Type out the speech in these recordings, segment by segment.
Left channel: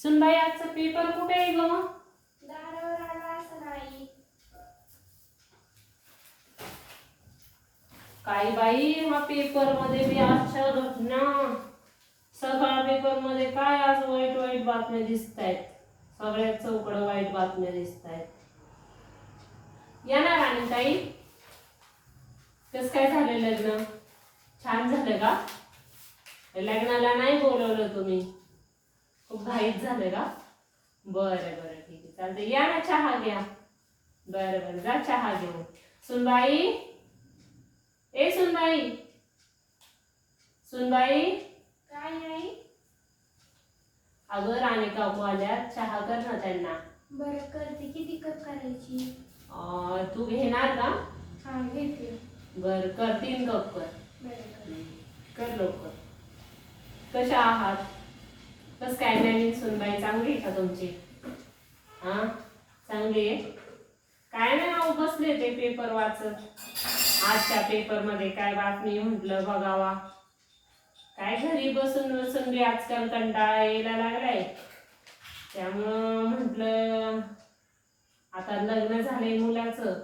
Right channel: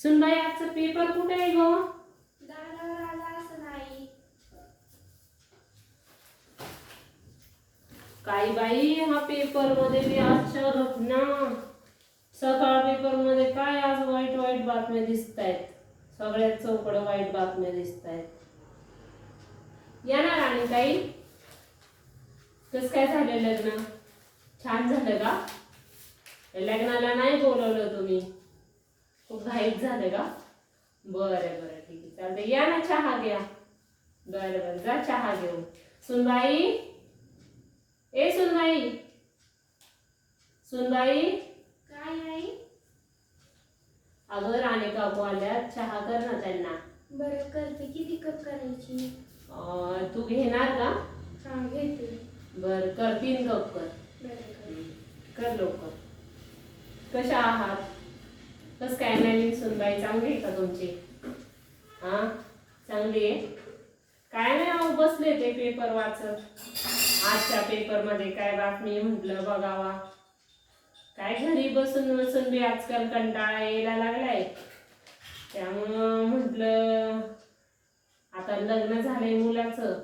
सुनबाई आजचा पेपर कुठे आहे ग? काही बाई हा पेपरमध्ये बी आजच्या घटना सकाळ पेपरमध्ये काय आज वाईट वाईट बातम्या दिसत आहेत सगळ्यात चौकड वाईट बातम्या दिसत आहेत येणार आणि ताई? कस काय झालं लग्न? छान झालं का? लग्नाला नाही बोलवलं तुम्ही. घाईत झालं का? बरं बरं ठीक आहे. चालतंय. या ना चहा घ्या बरं बरं. जा चहा घेऊन. सुनबाई? ए सुनबाई? सुनबाई? काय नाही अगं राणे काकू आल्या. चहा कर ना त्यांना. बरं करते. किती कप करायची? अं, तू घेणार का? हा घेते. बर कर. तीन कप कर. बरं कर. कर लवकर. कशा आहात? कस काय नवीन सुनबाई चांगली आहे का तुमची? हा? चांगली आहे? काय नाही अहो बसले ते पेपर वाचत. आजच्या पेपरमध्ये काय बातमी म्हटलं बघावा. काय घरी बसून बसून बी आजकाल कंटाळा यायला लागलाय. त्यामुळं म्हटलं आता लग्न झालंय मुलाचं.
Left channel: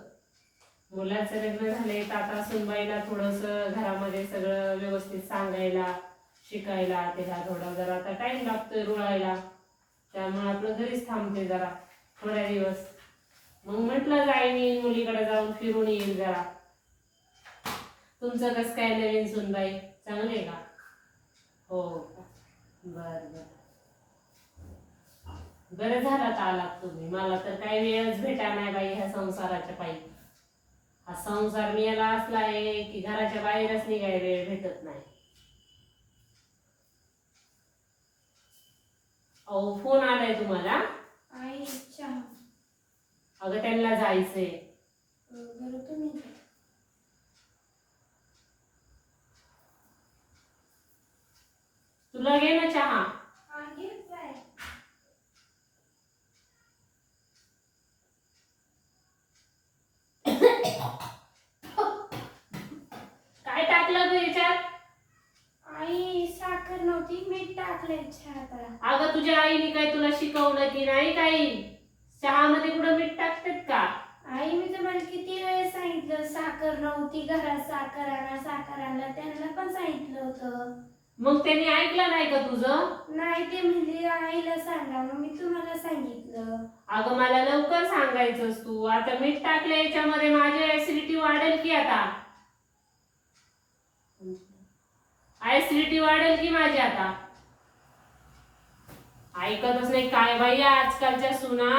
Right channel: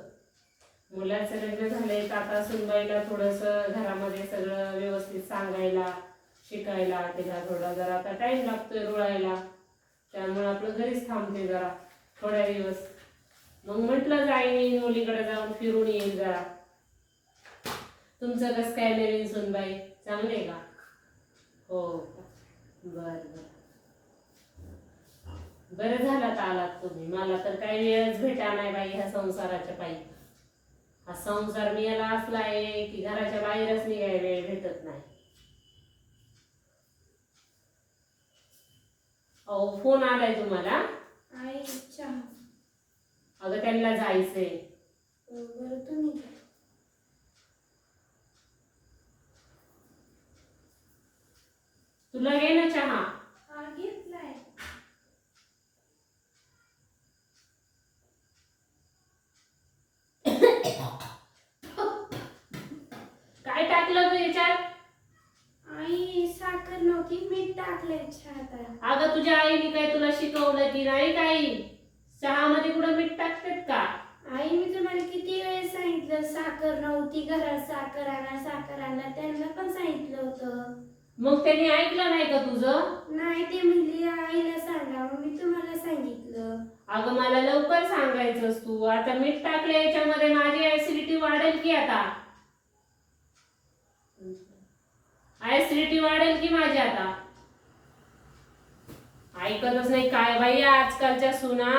मुलाचं लग्न झालंय तर आता सुनबाईला थोडस घरामध्ये सगळं व्यवस्थित सांगायला शिकायला तिला थोडा जरा आता टाइम लागतोय रुळायला. त्यामुळे आपलं घरीच थांबते जरा थोड्या दिवस. मग म्हटलं जाईन मुलीकडे जाऊन फिरून येईल जरा. तुमचं कसं काय नवीन सुनबाई? चांगले का? हो. का? बर बर. बरं झालं तर आलात तुम्ही. मला तर काही वेळच भेटा नाही बाई ह्या संसाराच्या पायी. हा संसार मी याला असला आहे की घराच्या बाहेरच निघायला वेळ भेटत नाही. अहो फोन आलाय तुम्हाला? आई अगं त्यांना जायचंय. बरं तुम्ही. तुला घे ना चहा हा घेतलाय काय टाकलं तू याच्यात आई साखर नव्हती मीठ टाकलंय चहात अगं तुझ्या आईने काय तुला शिकवलं की नाही काही चहामध्ये कुठं मीठ टाकतात का? आई मी तुम्हाला किती वेळेस सांगितलं साखर नव्हती घरात साखर आणा साखर आणा त्यांना पण सांगितलं होतं. मग त्यांनी ऐकलं नाही का तुझं? नाही ते म्हणले आईला सांगा मग मी तुम्हाला सांगितलं. अगं मला लवकर सांगायचंस तू. आता मीठ टाकलं याच्यामध्ये माझी ऍसिडिटी वाढेल की आता? ऍसिडिटी वाढेल की माझी आता? ऐकतच नाही काय बाई आजकालच्या सुना.